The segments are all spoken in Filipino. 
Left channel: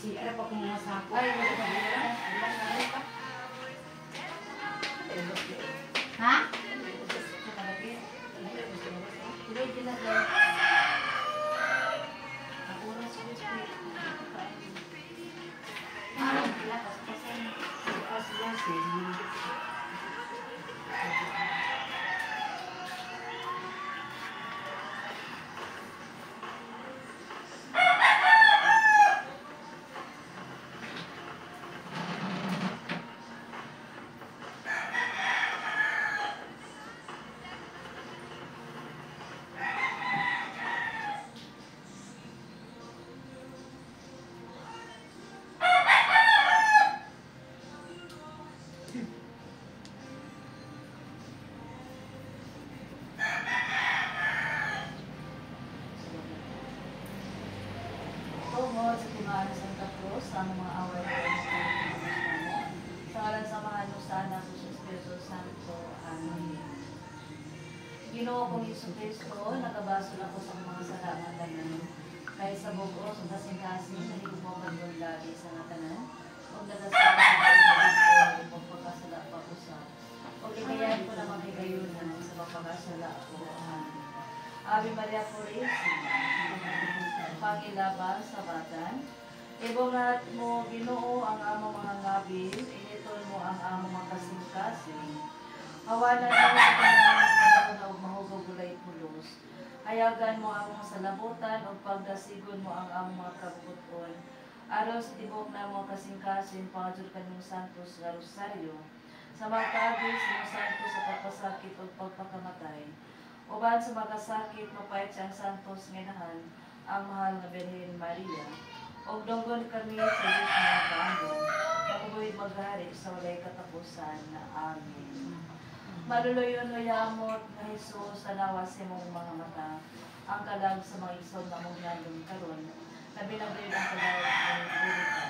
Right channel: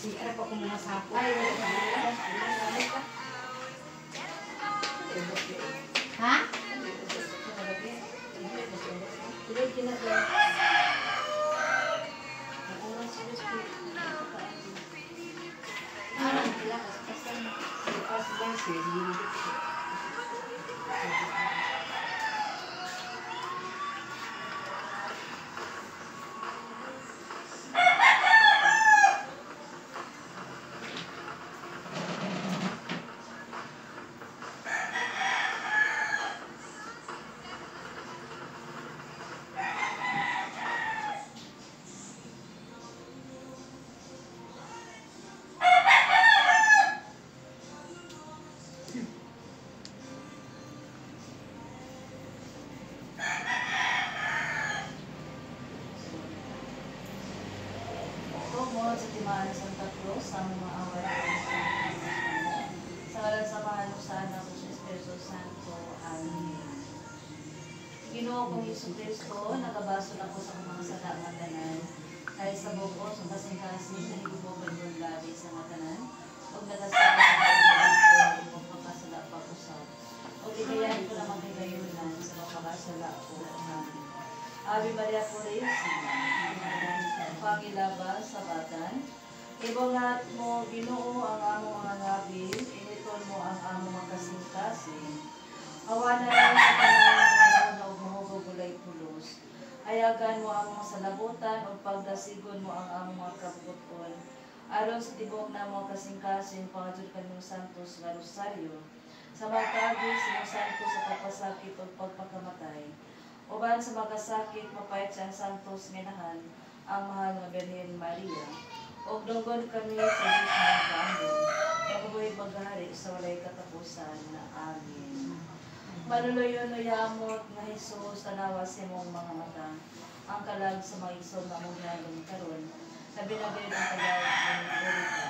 Si ano pa kung mga sapo. Ay, wala pa nila. Wala pa. Ha? Tidak ginagawa. Ang oras ko is ano pala kasi sa Timaan ng Santa Cruz, ang mga away sa ngalan sa Mahal sa Anak sa Espiritu Santo. Amen. Ginoo kong Yesu Cristo, nagabaso na ko sa mga salamatanan, kahit sa bugos, ang kasing-kasing, nahigumong lagi sa ngatanan, huwag nagasama sa pagkakas ko, magpapakasala pag-usap. Huwag ikayan ko na magigayunan sa pagpapakasala ko. Amen. Ave Maria Purísima, Pangilaba sa batan, ibongat mo, Ginoo, ang among mga labi, initon mo ang among mga kasing-kasing. Hawanan mo sa panahon na mahugulay pulos. Hayagan mo ang mga salabutan, ang pagdasigon mo ang among mga kabukuton. Aron sa tibok na mga kasing-kasing, pangadyo kanong santos sa rosaryo. Sa mga kagis, sa santos sa kapasakit o pagpakamatay. Uban sa magasakit, mapait siyang santos minahan, ang mahal na Birhen Maria. O donggon kami sa Diyos ng Kaano, mabuhay maghari sa walay katapusan na Amen. Maluluyon o yamot na Jesus, tanawa sa mong mga mata, ang kalag sa mga isod na mong nandang karon, na binagayod ang kalawat ng purita.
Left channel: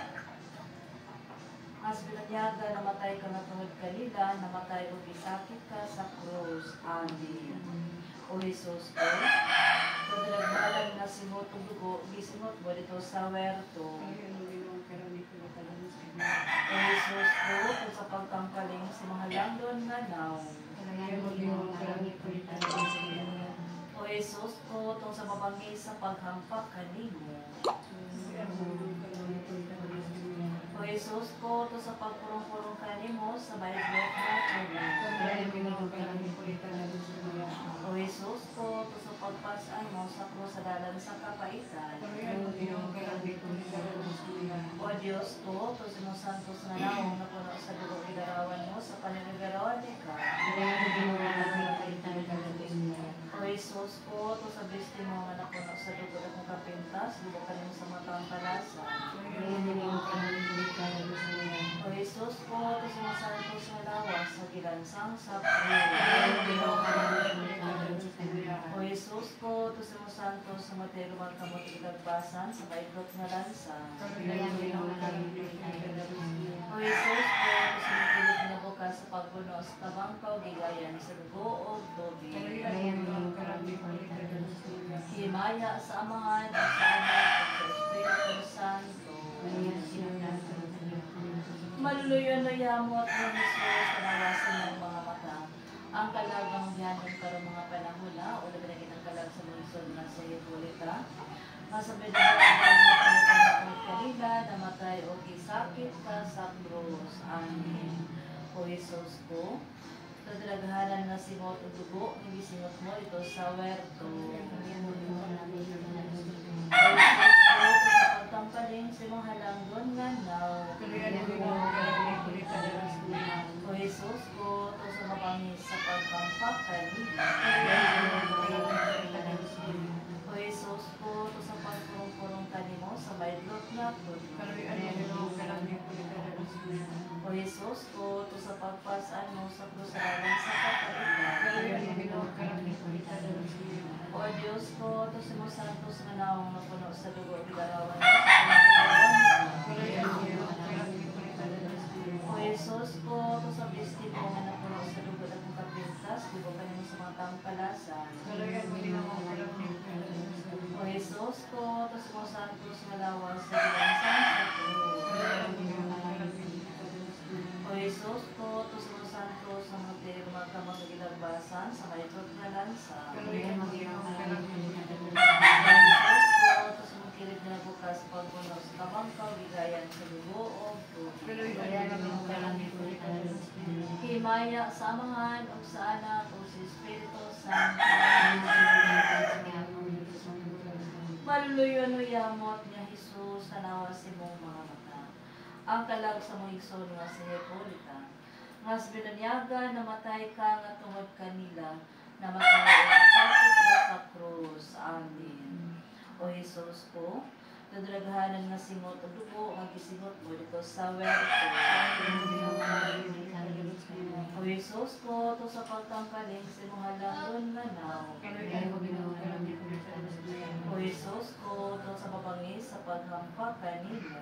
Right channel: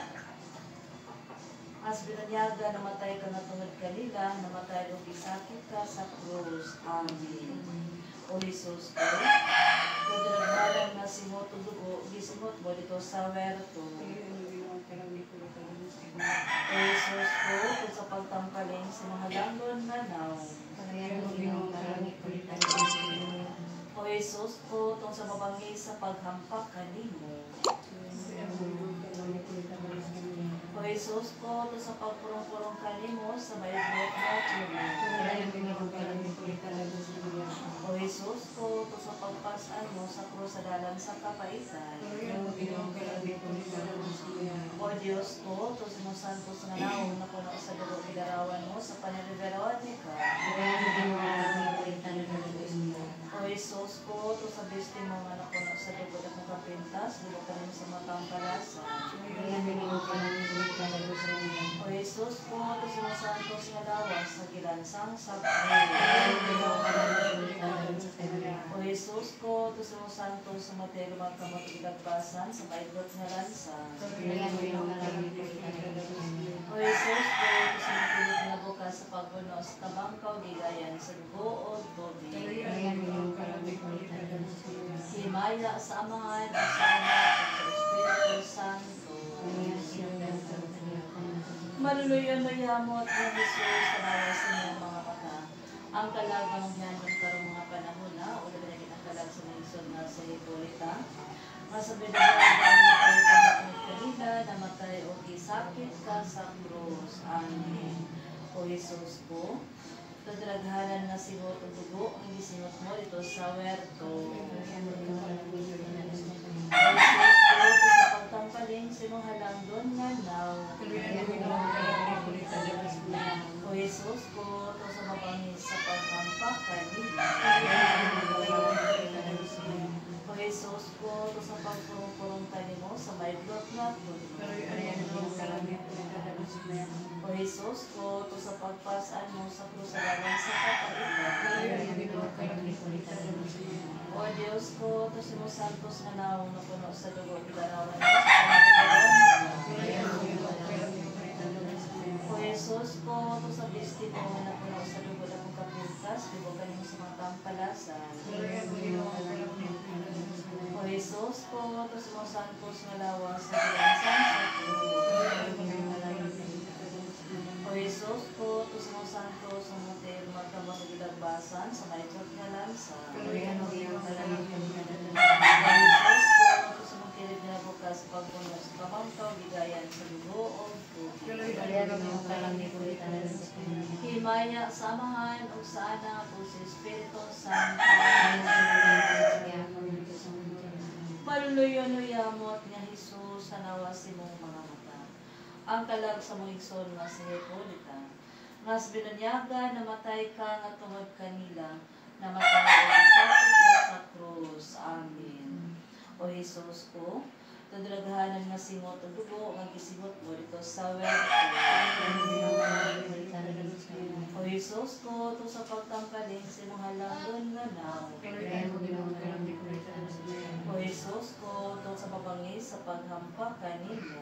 As binanyaga, namatay ka na tungod kanila, namatay o isakit ka sa krus. Amen. O Jesus ko, kadalagbalag na simot o dugo, gisimot mo dito sa werto. O Jesus ko, kung sa pagtangkaling sa mga langdon na naw. O Jesus ko, kung sa mabangis sa paghampak kanino. O Jesus ko, kung sa pagpurong-purong kanimo sa bayad-bayad na tulang. O Jesus ko, kung sa pagpasaan mo sa krus sa dalan sa kapaitan. O Diyos ko, kung sinusantos na naong na puno sa dugo gidarawan mo sa panagigarawan ni ka. O Jesus ko, kung sa bisti mo na puno sa dugo at nakapintas, dugo ka rin sa matang kalasa. O Jesus ko, kung sinusantos na lawas sa gilansang sakri. O Jesus ko, to sa santos sa matero magkamot igagbasan sa baigot nga lansa. O Jesus ko, to sa makilig na bukas sa pagbuno sa tabangkaw gigayan sa dugo o dobi. Himaya sa amahan at sa anak at sa Espiritu Santo. Maluluyon na yamot ng Jesus na nawasin ng mga mata. Ang kalagang biyanong karong mga panahon na o nagagin ang kalag sa naisod na sa Hipolita. Nasa binagalan na tayo panatang kanila, namatay o kisakit ka sa krus. Amen. O Jesus ko, tadraghanan na simot o dugo, hindi simot mo ito sa werto. O Jesus ko, sa pagtampaling si mga langdon nga naw. O Jesus ko, sa mabangis sa pagkampak kanila. O Jesus ko, sa pagpurong-purong kanimo sa maidlot na po. O Jesus ko, sa pagpasaan mo sa krusadaran sa kapalitan. O Diyos ko, sa mga santos nga naong napuno sa dugo at garawan mo sa pagpapalitan. O Jesus ko, sa destino nga napuno sa dugo at mong kapintas, dugo ka mo sa mga tampalasan. O Jesus ko, sa mga santos nga lawas sa gilansang sa sa dugo o tubig. Himaya sa Amahan o sa Anak o sa Espiritu Santo. Maluluyon o yamot nga Jesus sa nawa si mong mga mata. Ang kalag sa mong igsoon nga si Hepolita. Ngas binunyaga, namatay ka nga tungod kanila, namatay o sakit sa krus. Amen. O Jesus ko, tudraghanan nga singot o dugo, nga gisingot mo dito sa werto. O Jesus ko, to sa pagtangkaling si mga lagon nga naw. O Jesus ko, to sa mabangis sa paghampa kanimo.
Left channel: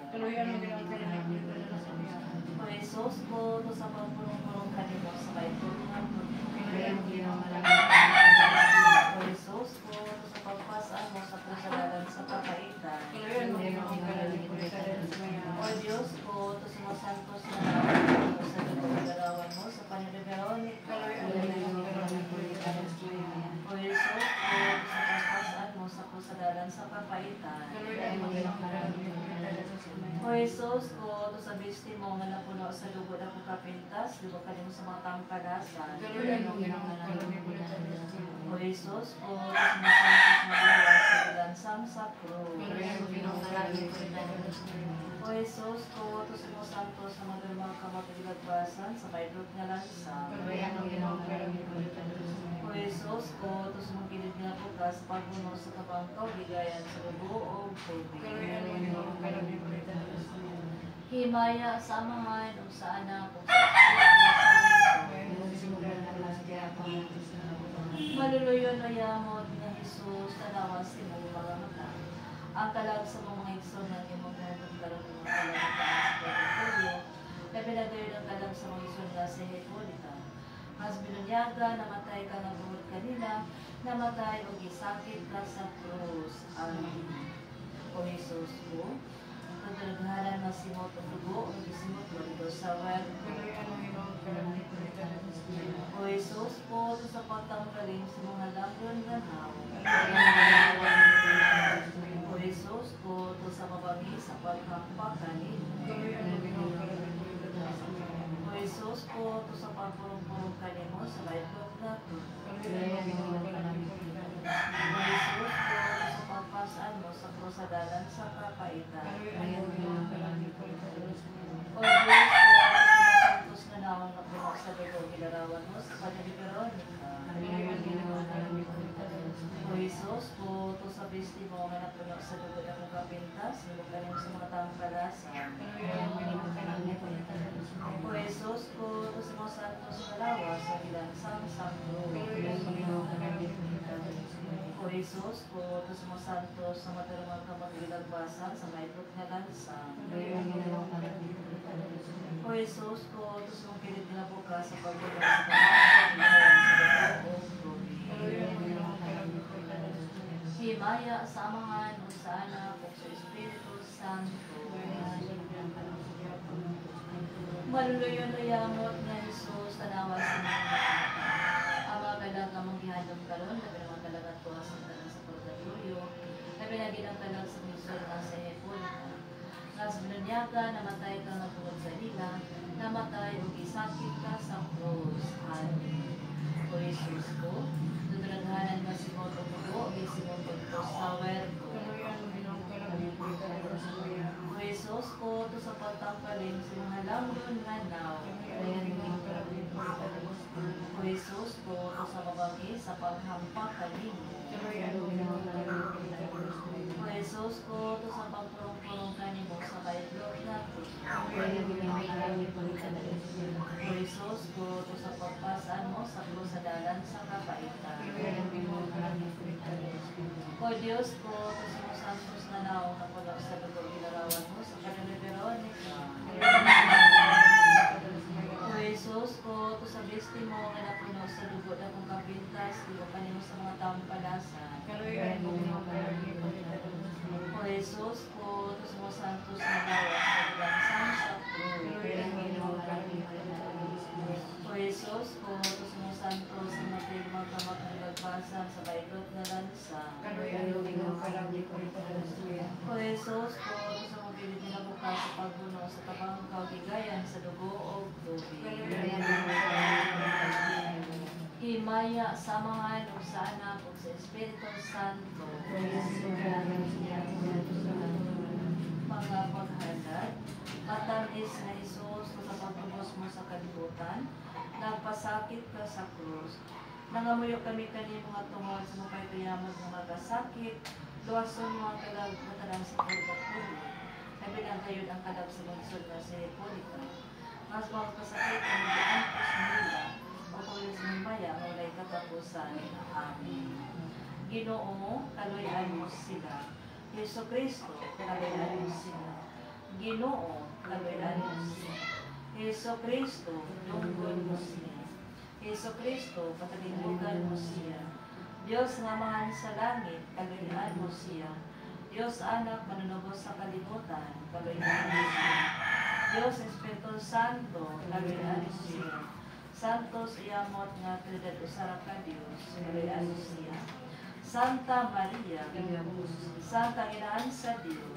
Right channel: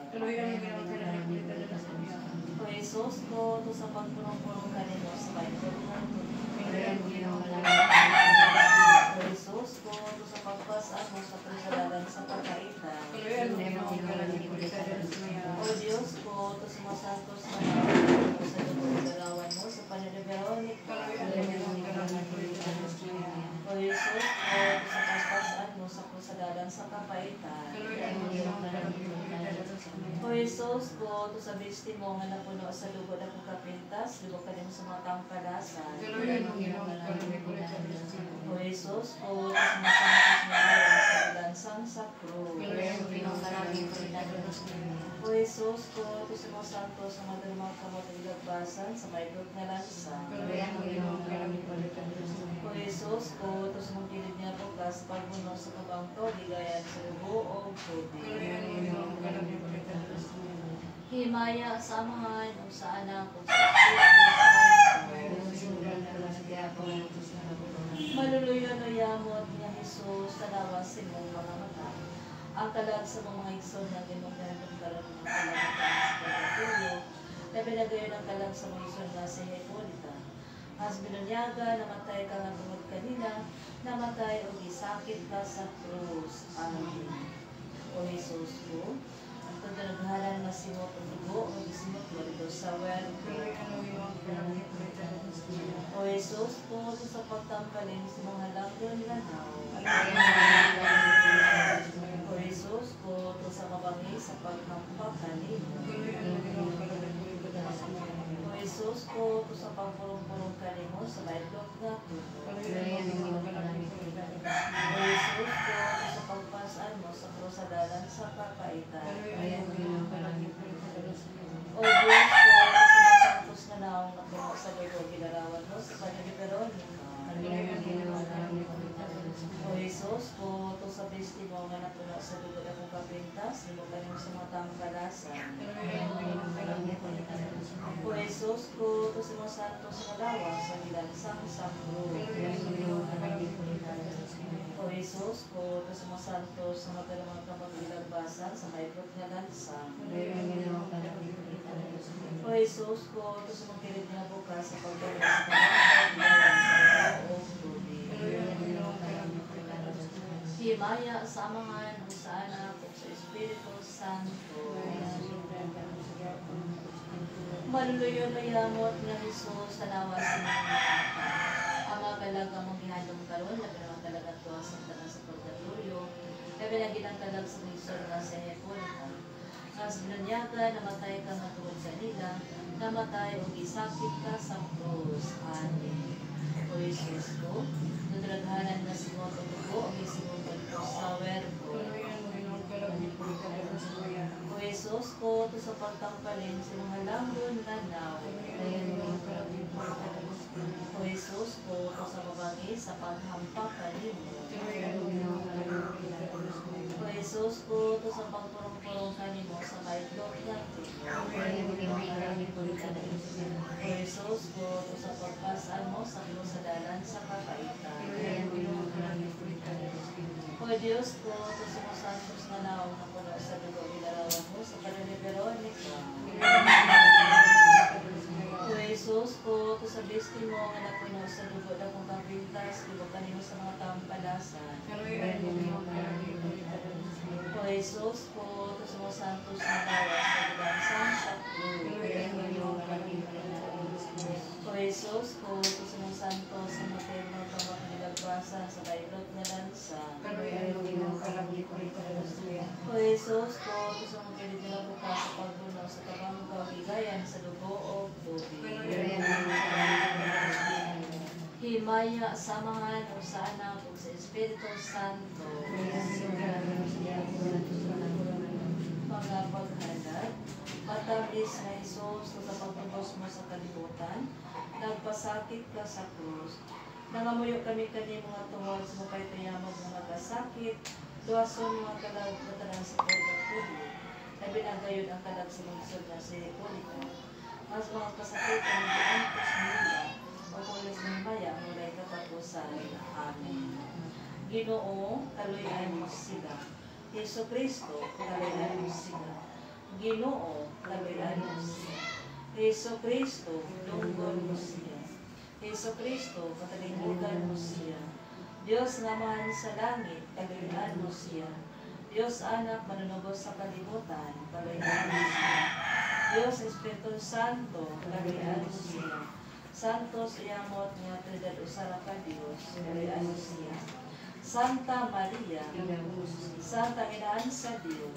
O Jesus ko, to sa pagpunong-punong kanimo sa paipot ng O Jesus ko, to sa pagpasaan mo sa kasalanan sa kakaitan. O Diyos ko, to sa mga santos na naman mo sa lalawan mo sa paniliberonik. O Jesus ko, to sa pagpasaan mo sa kasalanan sa kakaitan. O Jesus ko, to sa bisti mo nga napuno sa lugod ako kapintas, lugod ka din sa mga tampalasan. O Jesus ko, to sa mga santos na lawas sa bilansang sakro. O Jesus ko, to sa mga santos sa mga lumang kamatagilagbasan sa maydot nga lansang. O Jesus ko, to sa mga kilid nga bukas, pagbuno sa kabangkaw, bigayan sa lubo o tubig. Himaya sa Amahan o sa Anak o sa Espiritu Santo. Maluluyon o yamot nga Jesus, tanawa si mong mga mata. Ang kalag sa mga igsoon ng imong karon ng kalag sa pagtuyo, na pinagayon ang kalag sa mga igsoon nga si Hepolita. Mas binunyaga, namatay ka nga tungod kanila, namatay o gisakit ka sa krus. Amen. O Jesus ko, ito pinaghalan na simot o dugo, o gisimot mo dito sa werto. O Jesus ko, sa pagtangkaling sa mga langyon nga naw. O Jesus ko, sa mabangis sa paghampa kanino. O Jesus ko, sa pagpurong-purong kanimo sa maitlog na tubo. O Jesus ko, sa pagpasaan mo sa krusadalan sa kakaitan. O Diyos ko, sa santos na naong napuno sa dugo, kilarawan mo sa paniliberonika. O Jesus ko, to sa bisti mo nga napuno sa dugo na kong kapintas, nilog sa mga tangkalasan. O Jesus ko, to sa mga santos na lawas sa bilansang sakro. O Jesus ko, to sa mga santos sa matalamang kamagilagbasan sa maibot nga lansang. O Jesus ko, to sa mga kilid nga bukas sa pagbagal sa kamagilagbasan o tubig. Himaya sa Amahan o sa Anak o sa Espiritu Santo. Maluluyon o yamot nga Jesus, tanawa sa mga mata. Ang mga kalag nga mong gihandom karon, labi ng kalag at tuwa sa tanan sa purgatorio, labi ng ginangkalag sa misol nga sa Hepolita. Ngas binunyaga, namatay ka nga tungod kanila, namatay o gisakit ka sa krus. Amen. O Jesus ko, tudraghanan na simot o dugo, may simot o sa werto. O Jesus ko, to sa pagtangkalin sa mga langgon nga naw. O Jesus ko, to sa mabangis sa paghampak kanimo. O Jesus ko, to sa pagpurong-purong kanimo sa kaitlog na tubo. O Jesus ko, to sa pagpasaan mo sa krusadalan sa kakaitan. O Diyos ko, to sa mga santos na naong napuno sa dugo, ilarawan mo sa paniliberonika. O Jesus ko, to sa bisti mo nga napuno sa dugo na kong kapintas, dugo kanimo sa mga tampalasan. O Jesus ko, to sa mga santos na lawas sa bilansang sakro. O Jesus ko, to sa mga santos na matay magkamagilagbasan sa bayrot na lansang. O Jesus ko, to sa mga kilid na bukas sa pagbukas Amahan, o sa Anak, o sa Espiritu Santo. Mga paghalag, matamis na Isus, sa pagtubos mo sa kalibutan, nagpasakit ka sa krus. Nangamuyo kami kani mga tungod sa mga itayamod na magkasakit, luwason mga kalag na talang sa pagkakuli. Nabinanggayod ang kalag sa lungsod na si Hipolita. Mas mga kasakit ang diantos nila, o kulis ng maya, mulay katapusan. Amen. Ginoo, kaluyan mo sila. Yesu Kristo, kaluyan mo sila. Ginoo, kaluyan mo sila. Yesu Kristo, lungkod mo siya. Yesu Kristo, katalibutan mo siya. Diyos nga mahal sa langit, kaluyan mo siya. Diyos Anak, manunubos sa kalibutan, kaluyan mo siya. Diyos Espiritu Santo, kaluyan mo siya. Santos iyamot nga Trinidad usara ka Diyos, kaluyan mo siya. Santa Maria, Santa Inaan sa Diyos,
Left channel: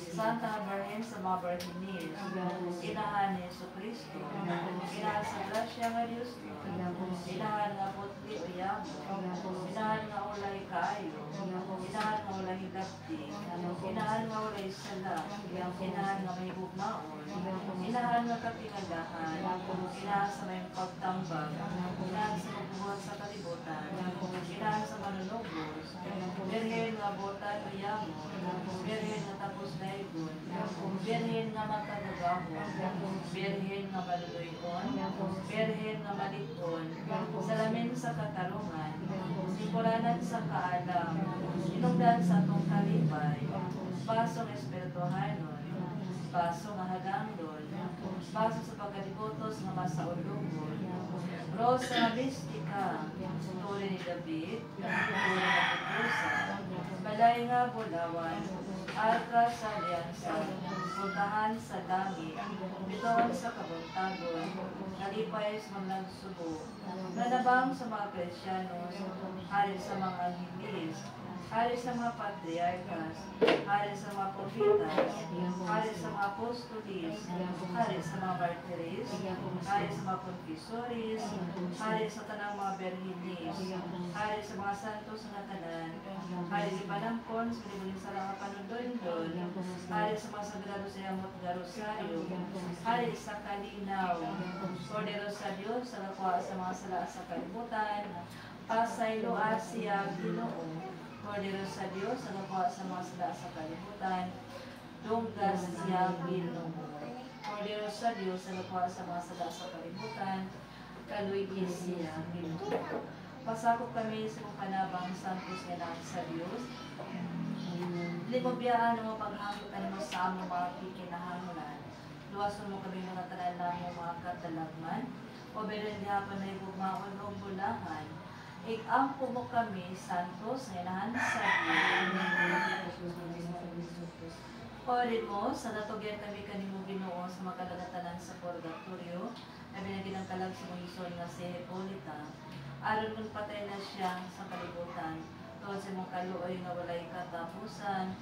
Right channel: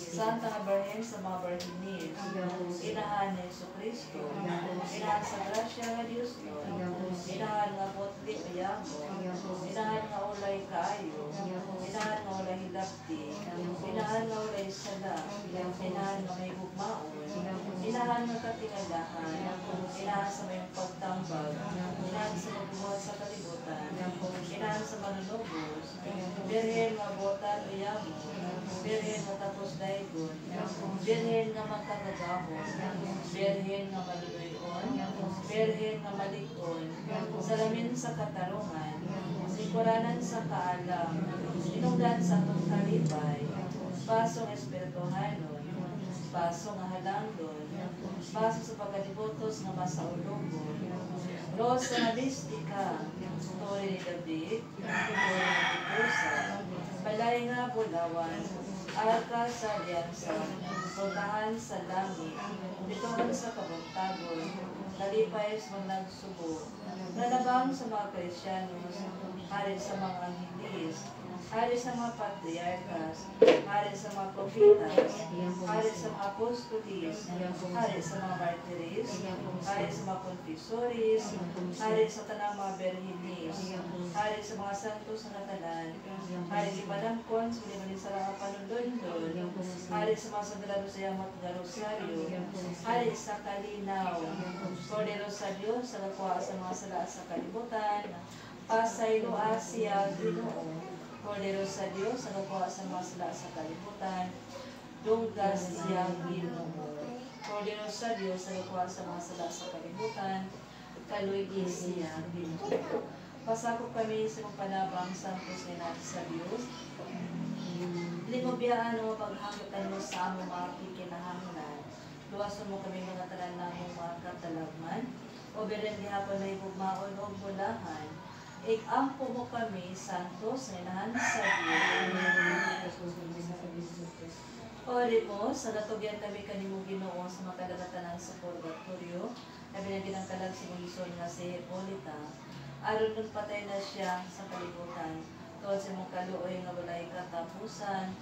Santa Birhen sa mga Birhenis, Inahan ni Yesu Kristo, Inahan sa grasya nga Diyos, Inahan nga potli o yamo, Inahan nga ulay kaayo, Inahan nga ulay hilapti, Inahan nga ulay sala, Inahan nga may bugmaon, Inahan nga katingalahan, Inahan sa may pagtambag, Inahan sa magbuhat sa kalibutan, Inahan sa manunubos, Birhen nga botan o yamo, Birhen nga tapos daigon, Birhen nga matagagahon, Birhen nga maluluyon, Birhen nga malikon, salamin sa katarungan, singkuranan sa kaalam, inungdan sa atong kalipay, pasong espirituhanon, paso nga halangdon, paso sa pagkalibutos nga masaulungon, Rosa nga mistika, Tore ni David, Tore nga Putusa, Balay nga Bulawan, Arka sa Aliansa, Puntahan sa Langit, Bitoon sa Kabuntagon, Kalipay sa mga nagsubo, Nanabang sa mga Krisyanos, Hari sa mga Angelis, Hari sa mga Patriarkas, Hari sa mga Profitas, Hari sa mga Apostolis, Hari sa mga Martiris, Hari sa mga Confesores, Hari sa tanang mga Berhinis, Hari sa mga Santos na tanan, Hari sa Panangkon, sa Limanin sa mga Panundondon, Hari sa mga Sagrado sa Yamot na Rosario, Hari sa Kalinaw, Cordero sa Diyos, sa nakuha sa mga sala sa kalibutan, Pasaylo Asia, Ginoo, Cordero sa Diyos, sa nakuha sa mga sala sa kalibutan, Dunggas siya Ginoo, Cordero sa Diyos, sa nakuha sa mga sala sa kalibutan, Kaluigi siya Ginoo. Pasakop kami sa mga panabang santos nga natin sa Diyos. Dili mo biyaan mo paghakitan mo sa among mga kikinahangunan. Luwason mo kami mga tanan namong mga katalagman. O beran gihapon na ibugmaon o bulahan. Ikampo mo kami, santos, nginahan sa Diyos. Pari mo, sa natugyan kami kanimo Ginoo sa mga kalagatanan sa purgatorio, na binagin ang kalag si Moison nga si Hipolita. Aron nun patay na siya sa kalibutan, tungod sa mong kaluoy nga walay katapusan,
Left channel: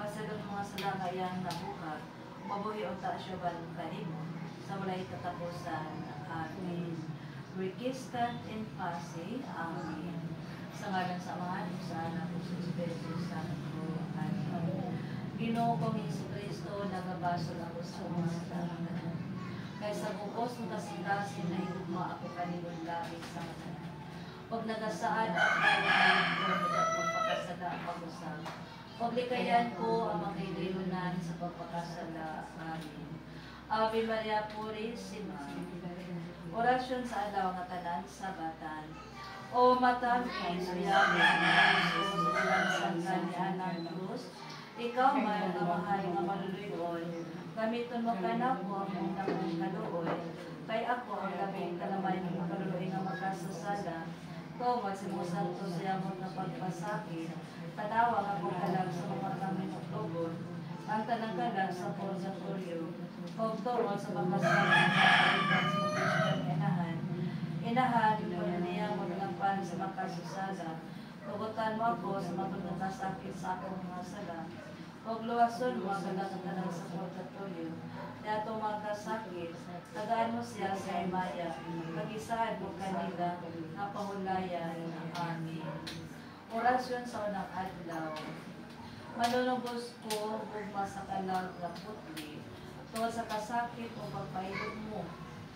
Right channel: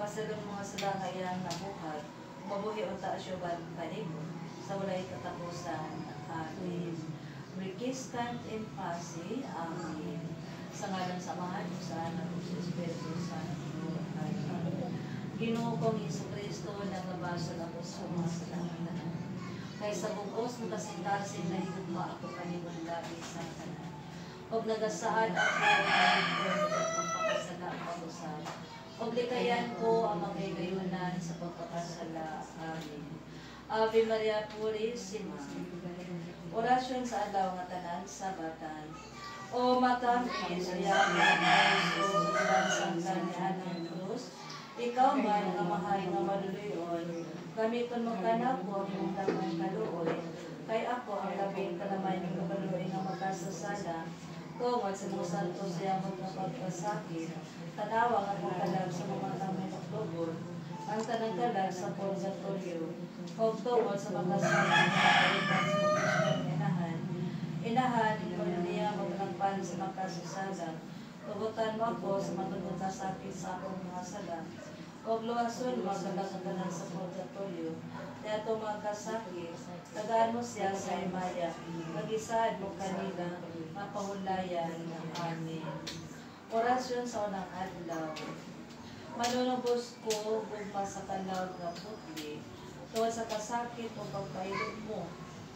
pasalong mga sala nga iyang nabuhat, mabuhi o taasyoban kanimo, sa walay katapusan. Amen. Requiescat in pace. Amen. Sa ngalan sa Ama, sa Anak, sa Espiritu Santo. Amen. Ginoo kong Jesucristo, nagabasa ako sa mga salamat. Kaya sa bukos ng kasitasin na higugma ako kanibong labis sa kanan. Huwag nagasaan at huwag pagpapakasala ang pag-usap. Huwag likayan ko ang magkailayunan sa pagpapakasala. Amen. Ave Maria Purísima. Orasyon sa adlaw nga tanan sabatan. O matamis yaman sa kanihan ng krus, ikaw man ang mahal nga maluluyon, gamiton magkanap mo ang mong damang kaluoy, kay ako ang labing kalamay ng kaluoy nga magkasasala, tungod sa mga santos yamot na pagpasakit, tanawa ang kalag sa mga kamay magtubod, ang tanang kalag sa purgatorio, o tungod sa pagpasakit sa inahan, ikaw niya wag ng pan sa mga kasusala. Tugutan mo ako sa matulog na sakit sa akong mga sala. Huwag luwason mga kalagatan sa purgatorio. Dato mga kasakit, tagaan mo siya sa imaya, mag-isaad mo kanila na pahulayan ng amin. Orasyon sa unang adlaw. Manunubos ko gugma sa kalag na putli, tungkol sa kasakit o pagpailog mo,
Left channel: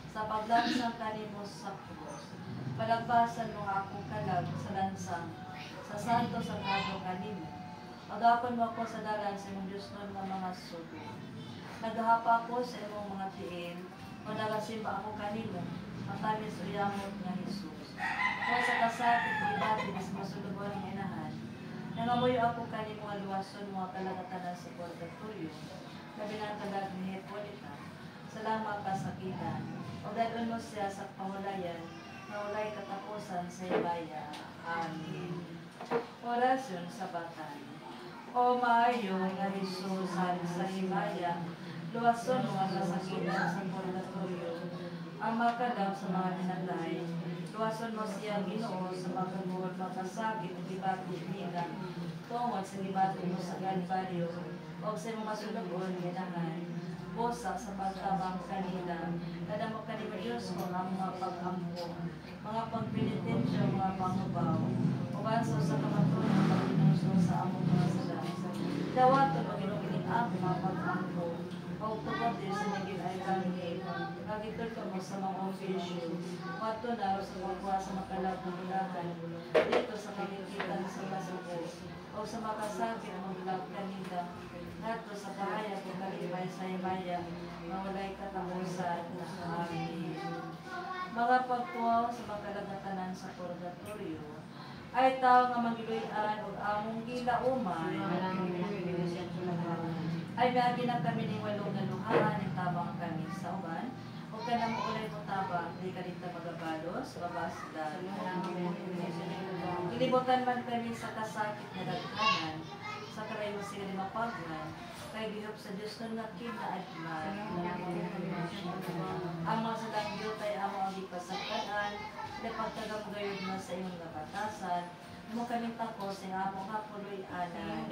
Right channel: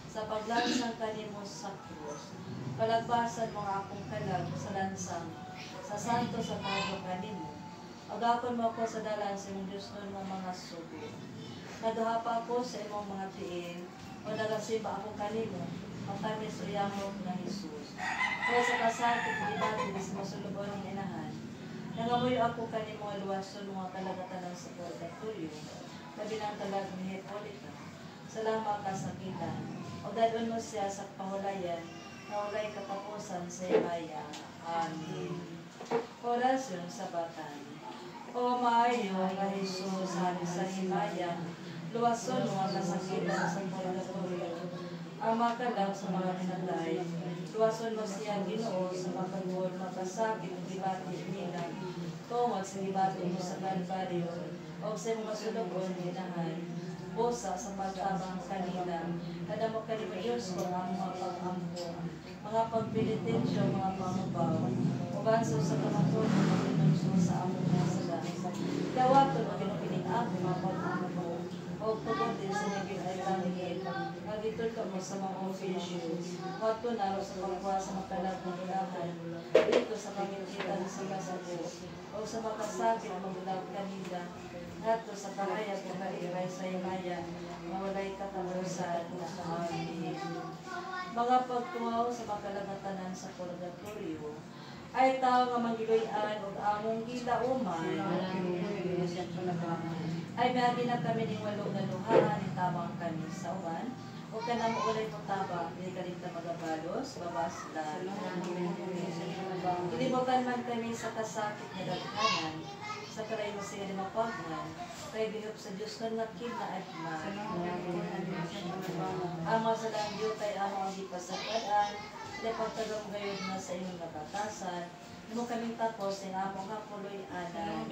sa paglansang kanimo sa krus. Palagpasan mo ang akong kalag sa lansang, sa santo sa kado kanimo. Pagapon mo ako sa dalan sa imong Diyos ng mga sugo. Naghahapa ako sa imong mga tiil, o nagasimba ako kanimo, matamis o yamot na Jesus. Kaya sa kasakit, ibatis mo sa lugar ng inahan, nangamoy ako kanimo nga luwason mga kalagatanan sa purgatorio, labi ng talag ni Hepolita. Salamat kasakitan, o dadon mo siya sa pahulayan, na walay katapusan sa imaya. Amen. Orasyon sa batan. O maayo nga Jesus, hari sa himaya, luwason mga kasakitan sa purgatorio, ang makalaw sa mga dinalay, luwason mo siya Ginoo sa makagul, makasakit, libati nila, tungod sa libati mo sa Kalbaryo, o sa mga sulugon ginahan, bosa sa pagtabang kanila, nadamo ka ni Diyos mga pag-ampo, mga pagpilitensyo, mga pangubaw, ubanso sa kamatun, pag-inusong sa among mga saga. Dawaton o ginubiling aking mga pag-ampo, o tugod din sa naging ay langit, nagitol ka mo sa mga official, wato na sa pagkuha sa matalag ng bulahan, dito sa pagkikita sa kasabo, o sa makasabit ng bulag kanila, nato sa kahayag ng kalibay sa imaya, mawalay katapusan na amin. Mga pagtuwaw sa makalagatanan sa purgatorio, ay tao nga magiloy-an o among gilauman, ay biyagi na kami ng walong naluhaan, ng tamang kami sa uban, o ka na mo ulit mo tabang, hindi ka dito magabalos, babaslan. Kilibutan man kami sa kasakit na dagkanan, sa karay mo siya ni mapagnan, kay bihop sa Diyos na nakin na adman. Amo sa langyo kay amo ang ipasagpadaan, na pagtagang gayod na sa inyong nakatasan, mo kaming tapos ng amo nga puloy-anan.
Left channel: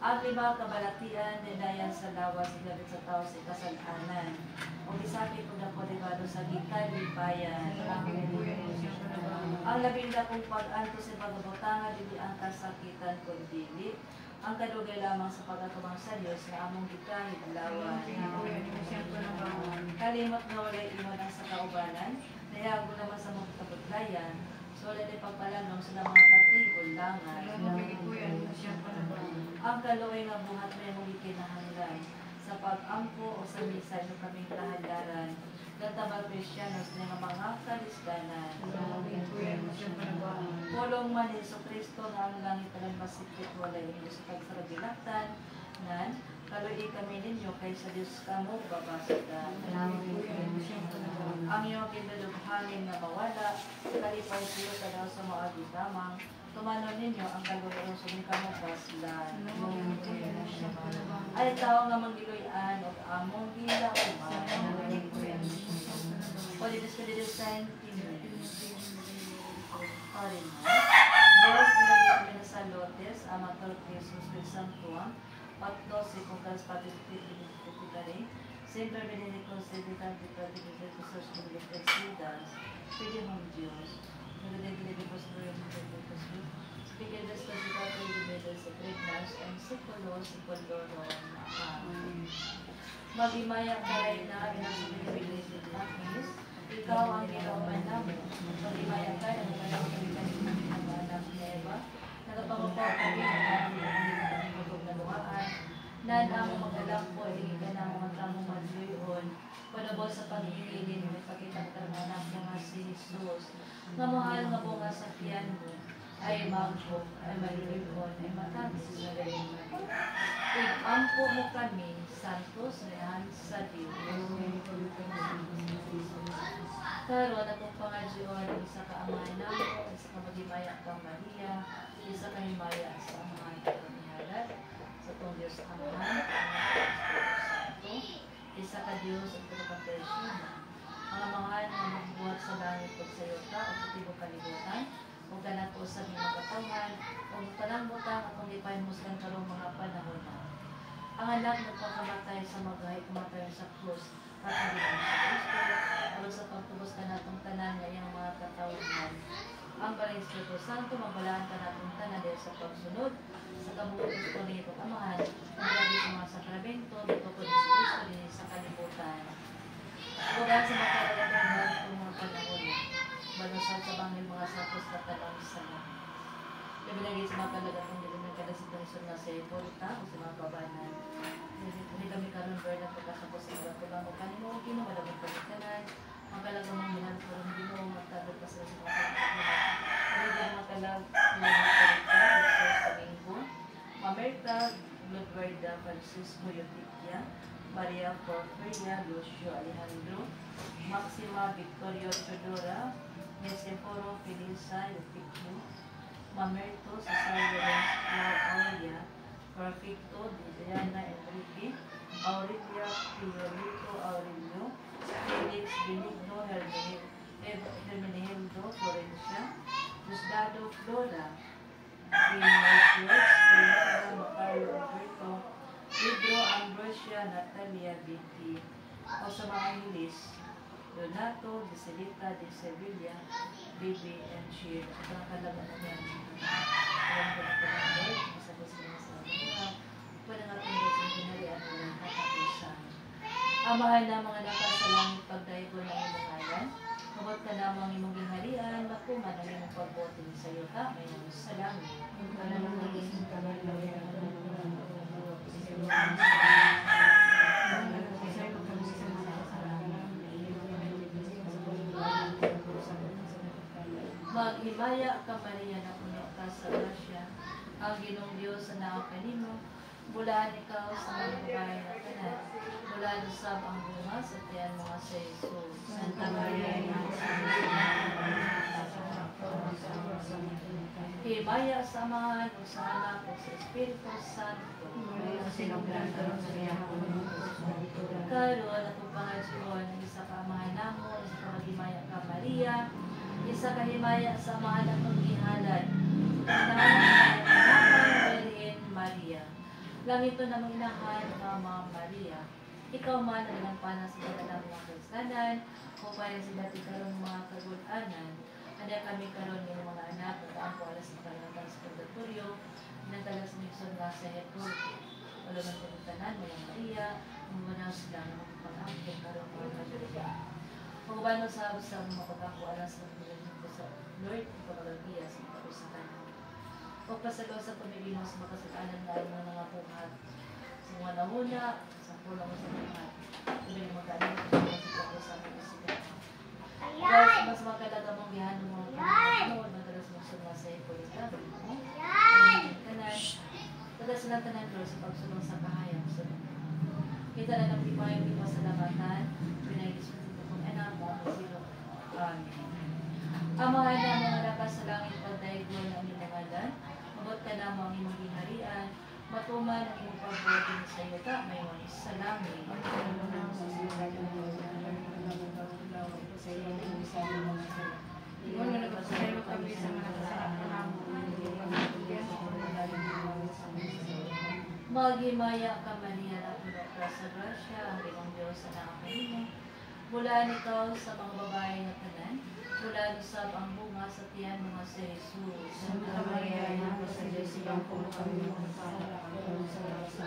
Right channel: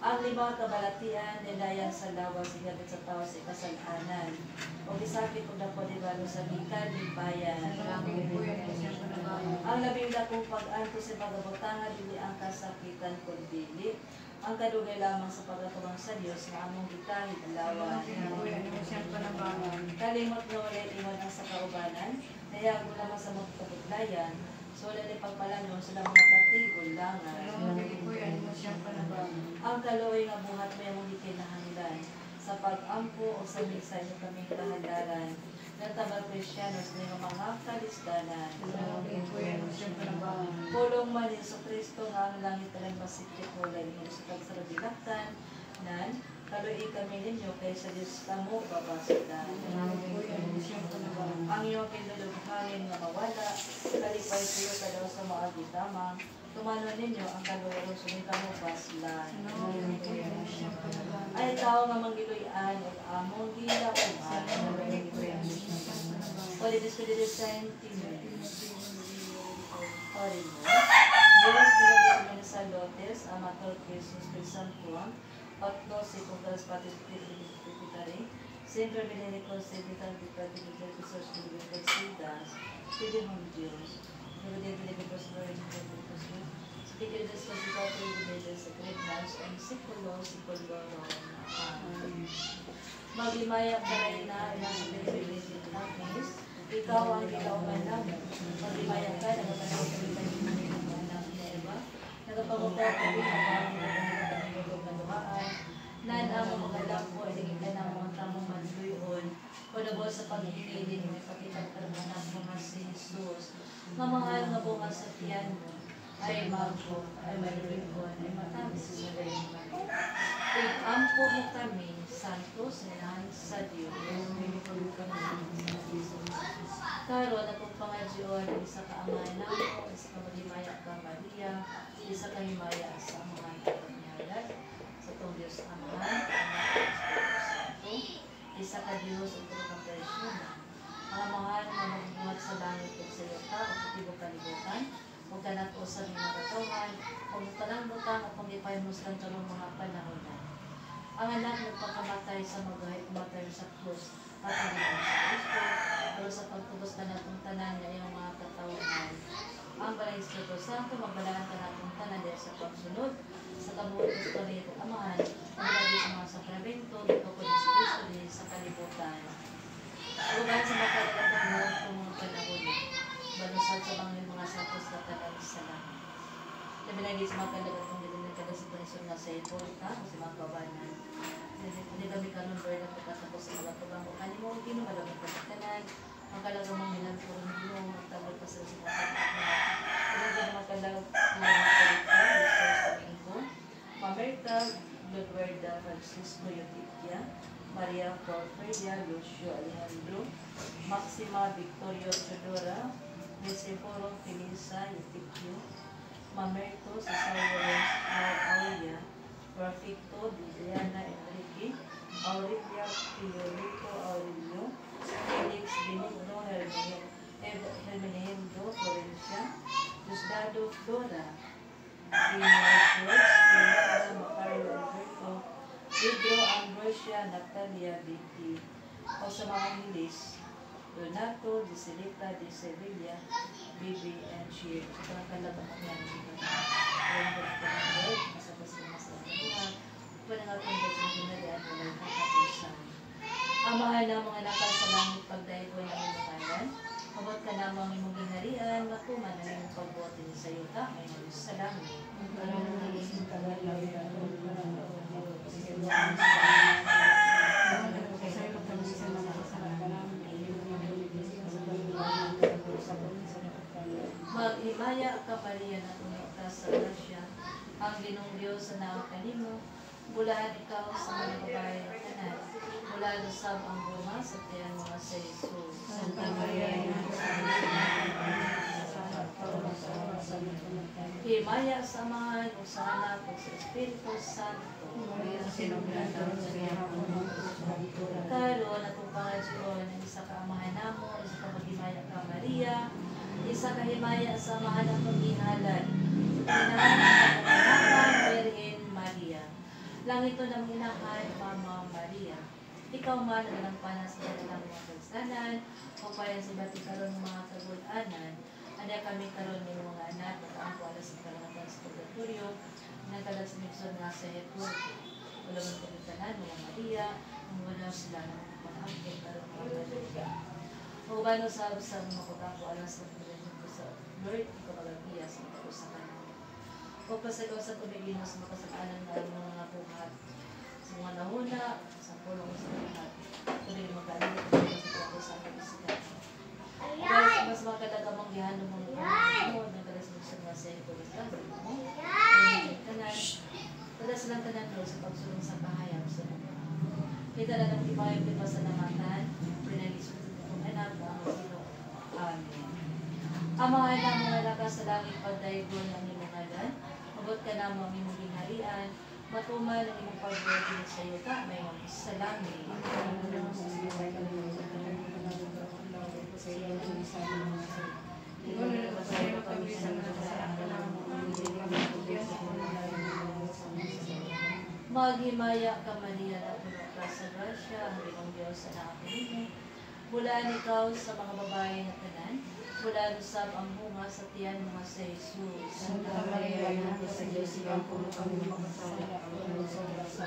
Ang lima kabalatian, nilayan sa lawa, sigabit sa tao sa kasalanan. O isakit ko na po libalo sa gikan, libayan. Ang labing dakong pag-anto sa pagkabutangan, dili ang kasakitan kung dili. Ang kadugay lamang sa pagkakabang sa Diyos na among gitahid lawan. Kalimot na walay iwan sa kaubanan, nayago naman sa mga kabutlayan, so wala ni pagpalanon sa mga katigol langan. Ang kaloy na buhat may mong ikinahanglan, sa pag-ampo o sa misay na kaming kahandaran, ng tabang Krisyanos na mga kalisdanan. Pulong man Yesu Kristo na ang langit talang masikip walay ninyo sa pagsarabilaktan, nan, kaloy kami ninyo kay sa Diyos kamo babasitan. Ang iyong kinalubhangin na mawala, kalipay siyo ka daw sa maagi tamang, tumano ninyo ang kaloy o sumikamo baslan. Ay tao nga manggiloy-an o among gilauman. Pwede sa didesign orin mo. Diyos pinagigil na sa lotes, amatol Christus del Santuan, otno si Kukas Patis Pitari, Sindro Benedico Seditan Pitari Sos Pilipesidas, Pili mong Diyos, Pili Benedicos Benedicos, Pili Destos Ipati Benedicos sa Krignas, ang Sikulo, Magimaya ka rin na Agnes, ikaw ang kilauman namin. Magimaya ka na magmanaw ng anak ni Eva, nagapagupag ko ang nagpagupag nan among mga alam ko, hindi ka na mga tamong madluyon, panabo sa pag-ibigin ng pagkitagkarman ng mga si Jesus, na mahal nga bunga sa tiyan mo, ay magpo, ay malulukon, ay matamis sa galing Maria. Ig-ampo mo kami, santos na sa Diyos. Karon atong pangadyon, isa ka amahan namin, isa ka magimaya kang Maria, isa ka himaya sa mga ipagnihalat, sa itong Diyos Amahan, isa ka Diyos at pagkakasyon. Mga mahal na magbuhat sa langit at sa iyo ka, at sa tibok kalibutan, huwag ka nag-usap ng mga katawan, huwag ka lang butang at kung ipay mo sa karong anak nagpakamatay sa magahay, kumatay sa krus, at hindi sa Kristo, pero sa pagtubos ka natong tanan ngayong mga katawhan. Ang Balay Espiritu Santo, magbalaan ka natong tanan dahil sa pagsunod, sa kabuutos ko nito, amahan, ang lagi sa mga sakramento, dito ko sa Kristo, din sa kalibutan. Huwag sa makakatanan kung magpanahuli, balusad sa mga sakos na tanan sa lahat. Nabilagi sa mga kalagatong hindi nagkadasig ng isun nga sa ipon ka o sa mga kabanan. Hindi kami kanon Lord ang pagkatapos sa mga tubang mo kanimo o gino, malamang pagkatanan, ang kalagamang minagpurong gino, magtagal pa sa mga pagkatanan. Ang makalag mga kalita, Mr. Domingo, Mamerta, Ludwida Francisco Yotitia, Maria Porferia, Lucio Alejandro, Maxima Victorio Chodora, Nesiforo Felisa Yoticio, Mamerto, Cesario Aurelia, Profito, Diana Enrique, Aurelia Piolito Aurelio, Felix Benigno Hermenegildo Florencia, Diosdado Flora, Dino George, Fernanda Macario Alberto, Pedro Ambrosia Natalia Vicky, o sa mga Angeles, Donato, Dicelita, De Sevilla, Bibi, and Shir. Ito ang kalaban mo yan. Alam ko lang po ng Lord, masabas na masalamuhan. Pwede nga itong dating ginali at walang katapusan. Amahan na mga nakal sa langit pagdaigo ng ilangalan. Mabot ka namang imong gingharian, matuman na imong pagbote ni sa yuta, may nalus sa langit. Maghimaya ka Maria na puno ka sa grasya, ang Ginong Diyos sa naong kanimo, bulaan ikaw sa mga babae na tanan, bulaan usab ang bunga sa tiyan mga sa Jesus. Santa Maria, himaya sa amahan o sa anak o sa Espiritu Santo. Karon atong pangadyon ng isa ka amahan namo, isa ka maghimaya ka Maria, isa ka himaya sa amahan ng paghihalad. Virgin Maria. Langito ng inahan, Mama Maria. Ikaw man ang nagpanas sa ng mga kasanan, o kaya si Bati karon ng mga kagulanan, ano kami karon ng mga anak, at ang kuwalas ng kalangatan sa pagdaturio, nagkalas ng iso nga sa Hepur, wala man kumitanan, wala Maria, ang wala sila ng pag-ampin karon ng mga Maria. Kung ba sa mga pagkakualas ng pagdaturio sa Lord, ikaw magagbiya sa ikaw sa kanila. O pasagaw sa pamilya sa makasalanan na ang mga buhat sa mga nahuna, sa pulang sa buhat. Kung yung magkano sa pagkakas sa mga sigat. Dahil mas magkalagamang gihan ng mga pamilya, nagkalas mo sa mga sa ito yung gabi mo. Pada silang tanan sa pagsulong sa kahayang sa mga. Kita na ng imayang di masalamatan, pinagis mo ng anak mo, Amen. Amahan na mga lakas sa langit pagdaigo ng ilangalan, mabot ka na mga imong ginharian, matuman ang imong pagbote sa yuta, mayon sa langit. Maghimaya ka Maria na puno ka sa grasya, ang Ginong Diyos sa nakakanimo. Bulaan ikaw sa mga babae na tanan, bulaan usab ang bunga sa tiyan mga sa Jesus. Santa Maria, ina sa Diyos, ibang puno kami makasala sa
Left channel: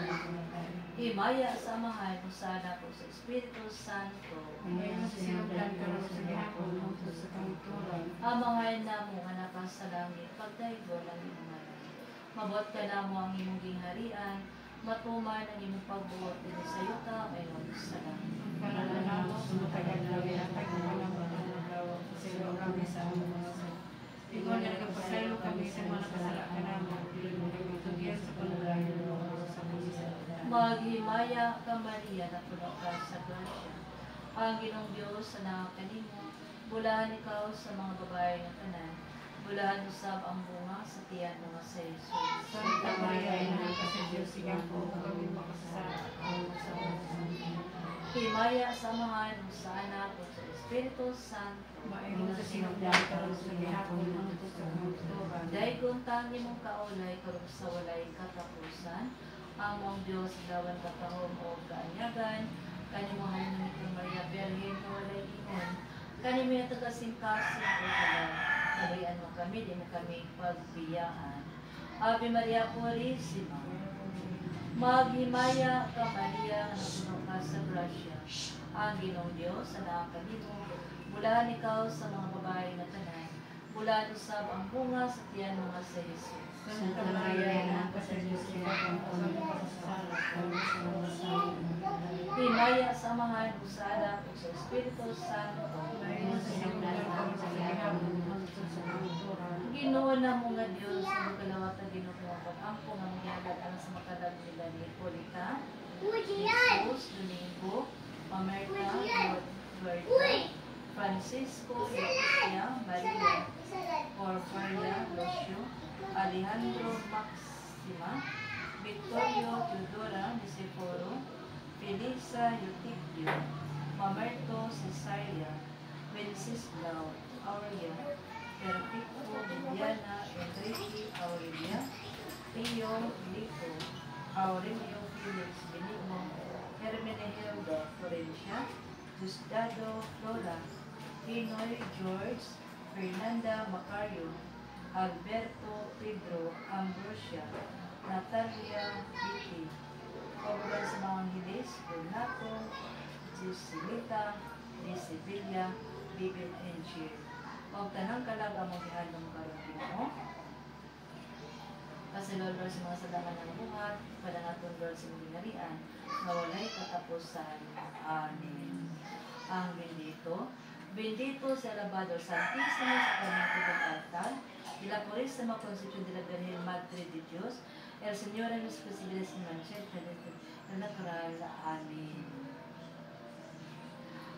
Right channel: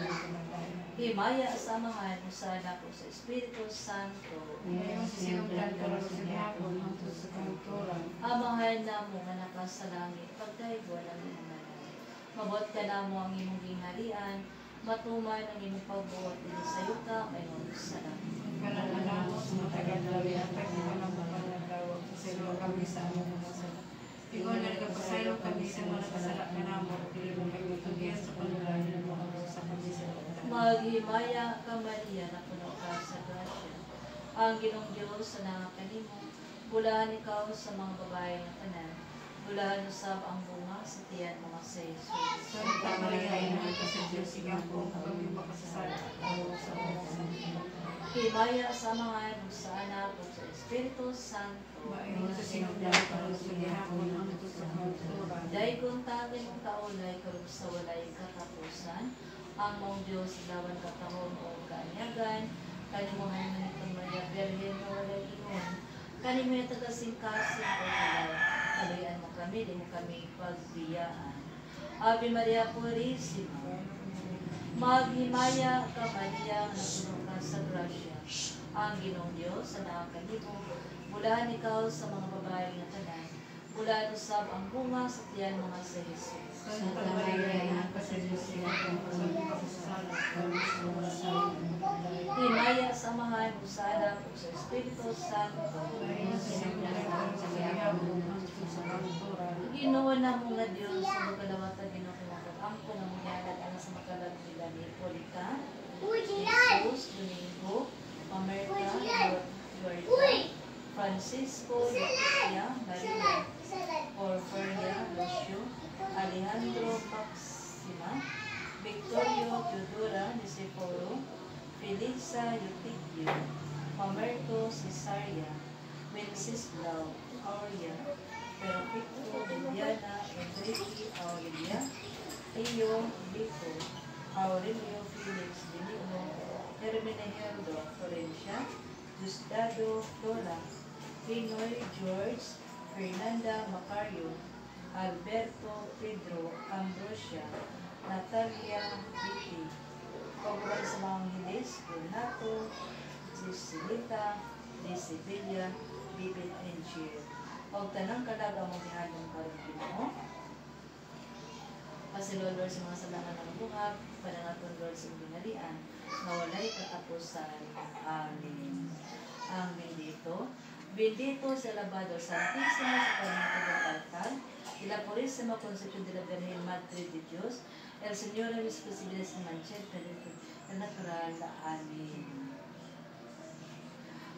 Himaya sa amahan mo sa anak o sa Espiritu Santo. ngayon sinulan ka rin sa hapon ng sa kanturan. Amahan na mo anak ka sa langit, pagdaigo ng imong anak. Mabot ka na mo ang imong gingharian, matuman ang imong pagbuot din sa yuta, ngayon sa langit. Kananalang mo sa matagal na lihatag na panang lawag sa silo kami sa among mga sala. Ikaw na nagpasaylo kami sa mga kasala ka namo, dili mo kami tugyan sa panulayan ng mga sa kami sa luta. Maghimaya ka Maria na puno ka sa grasya. Ang Ginong Diyos sa nakakanimo, bulaan ikaw sa mga babae na tanan, bulaan usab ang bunga sa tiyan mga sa Jesus. Santa Maria, ina sa Diyos, ibang puno kami makasala sa mga sala. Himaya sa amahan mo sa anak o sa Espiritu Santo. Maayon sa sinugdan ka rin sa gihapon ng sa kanturan. Dahil kung tangi mong kaulay, karong sa walay katapusan, ang mong Diyos dawan katahon o kaanyagan, kanimuhan mo nitong Maria Birhen o walay ingon, kanimo na tagasingkasin o kalaw, kalayan mo kami, di mo kami pagbiyaan. Ave Maria Purísima, maghimaya ka Maria, napuno ka sa grasya, ang Ginoong Diyos, anak kanimo, mulahan ikaw sa mga babae na tanan, mula usab ang bunga sa tiyan mga sa Jesus. Santa Maria, Ina ka sa Diyos, pagpapasal ka sa salamat, Himaya sa amahan, usada, o sa Espiritu Santo. Ginoo na mo nga Diyos, sa magalawat na ginukulapat, ang pumamagyanan ang sa makalag nila ni Polita, Jesus, Domingo, Mamerta, Duerta, Francisco, Leticia, Maria, Porfaria, Lucio, Alejandro Maxima, Victorio Teodora, Nisiforo, Felisa Eutiquio, Mamerto Cesaria, Wenceslao, Aurea, Perfecto, Viviana, Enrique, Aurelia, Rio, Lico, Aurelio, Felix, Benigno, Hermenegildo, Florencia, Diosdado, Lola, Pinoy, George, Fernanda, Macario, Alberto, Pedro, Ambrosia, Natalia, Vicky, Pagkabay sa mga Angeles, Renato, Cecilita, Desibilia, Bibit, and Cheer. Huwag tanang kalaga mong ihalong karong Ginoo. Kasi Lord sa mga salaman ng buhat, panangaton Lord sa binarian, na walay katapusan. Amen. Ang bendito, bendito sa Labador Santísimo sa Clemente del Altar, y la Purísima Concepción de la Virgen Madre de Dios, el Señor de los Presidentes de Mancheta, el natural. Amén.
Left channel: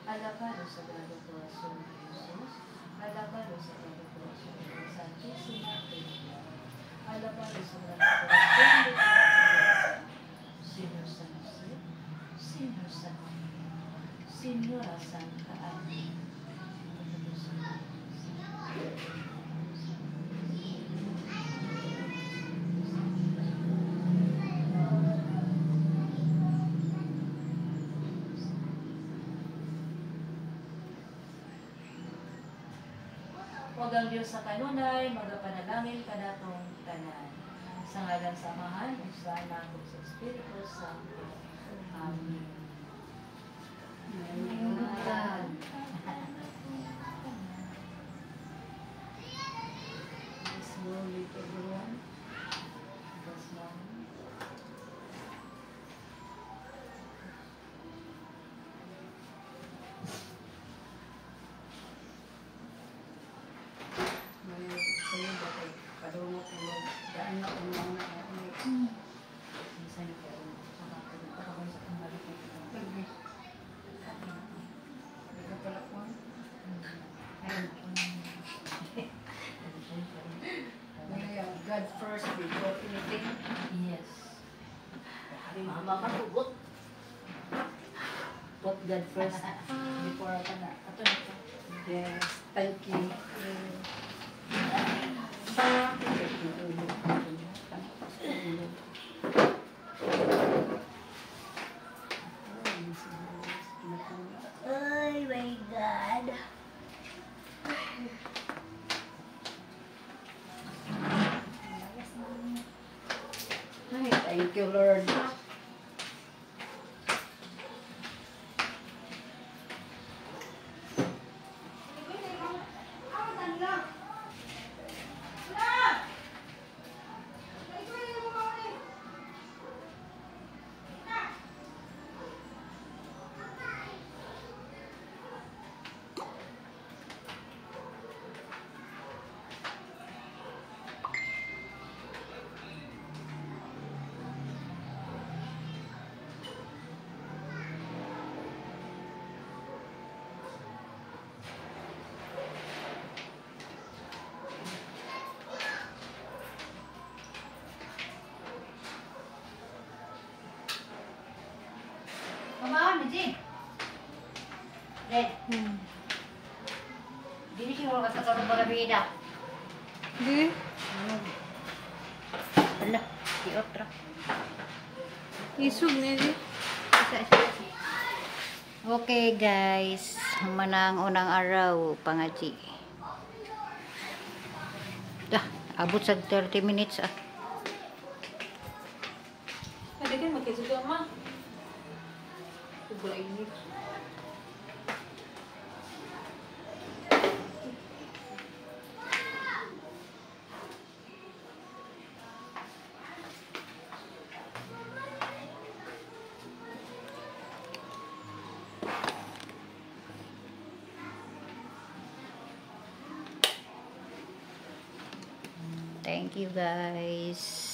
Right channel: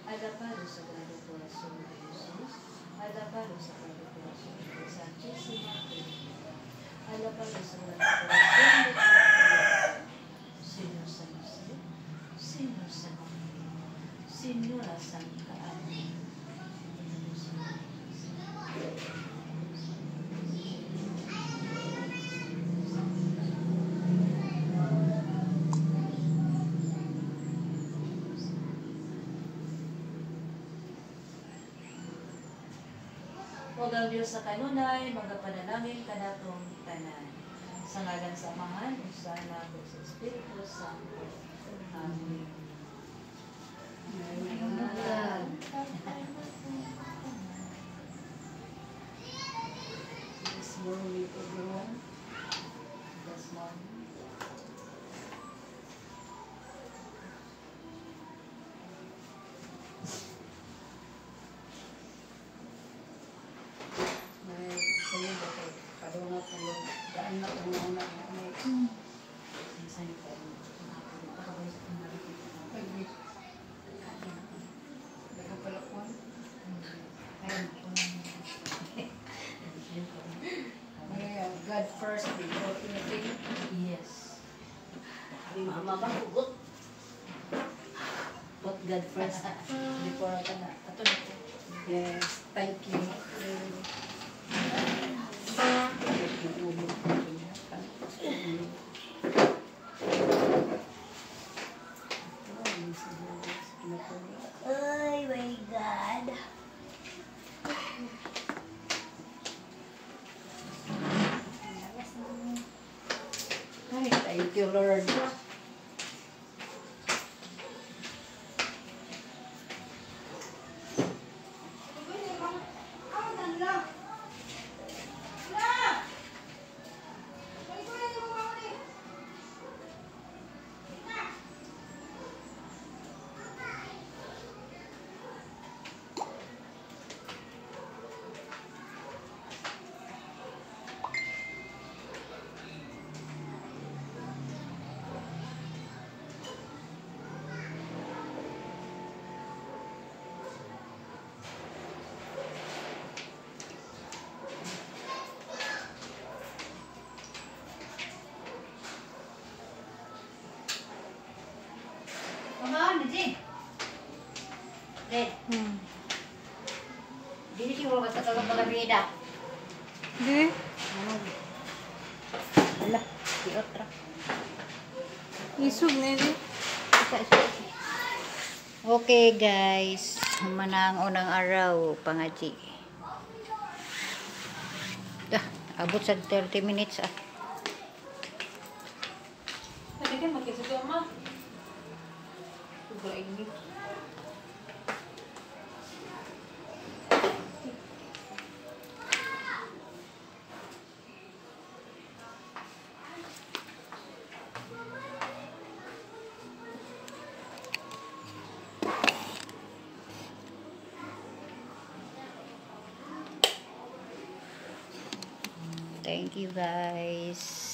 Alabado Sagrado Corazón de Jesús, alabado Sagrado Corazón de Santísima Trinidad, alabado Sagrado Corazón de Dios, Señor San José, Señor San José, Señora Santa Ana. Huwag ang Diyos sa kanunay, magapanalangin ka natong tanan. Sa ngalan sa Amahan, o sa Anak, o sa Espiritu Santo. Amen. Amen. This morning, everyone. This morning. God first before anything. Yes. Mama hugot. Put God first before ka na. Yes. Thank you. Oh my God. Ay, thank you, Lord. Dili ki mo magkakaroon mga bida. Di. Wala, di otra. Isog na yun. Okay guys, manang unang araw pangaji. Abot sa 30 minutes ah. Pwede kan magkisog ka, ma. Sobrang init. Thank you guys.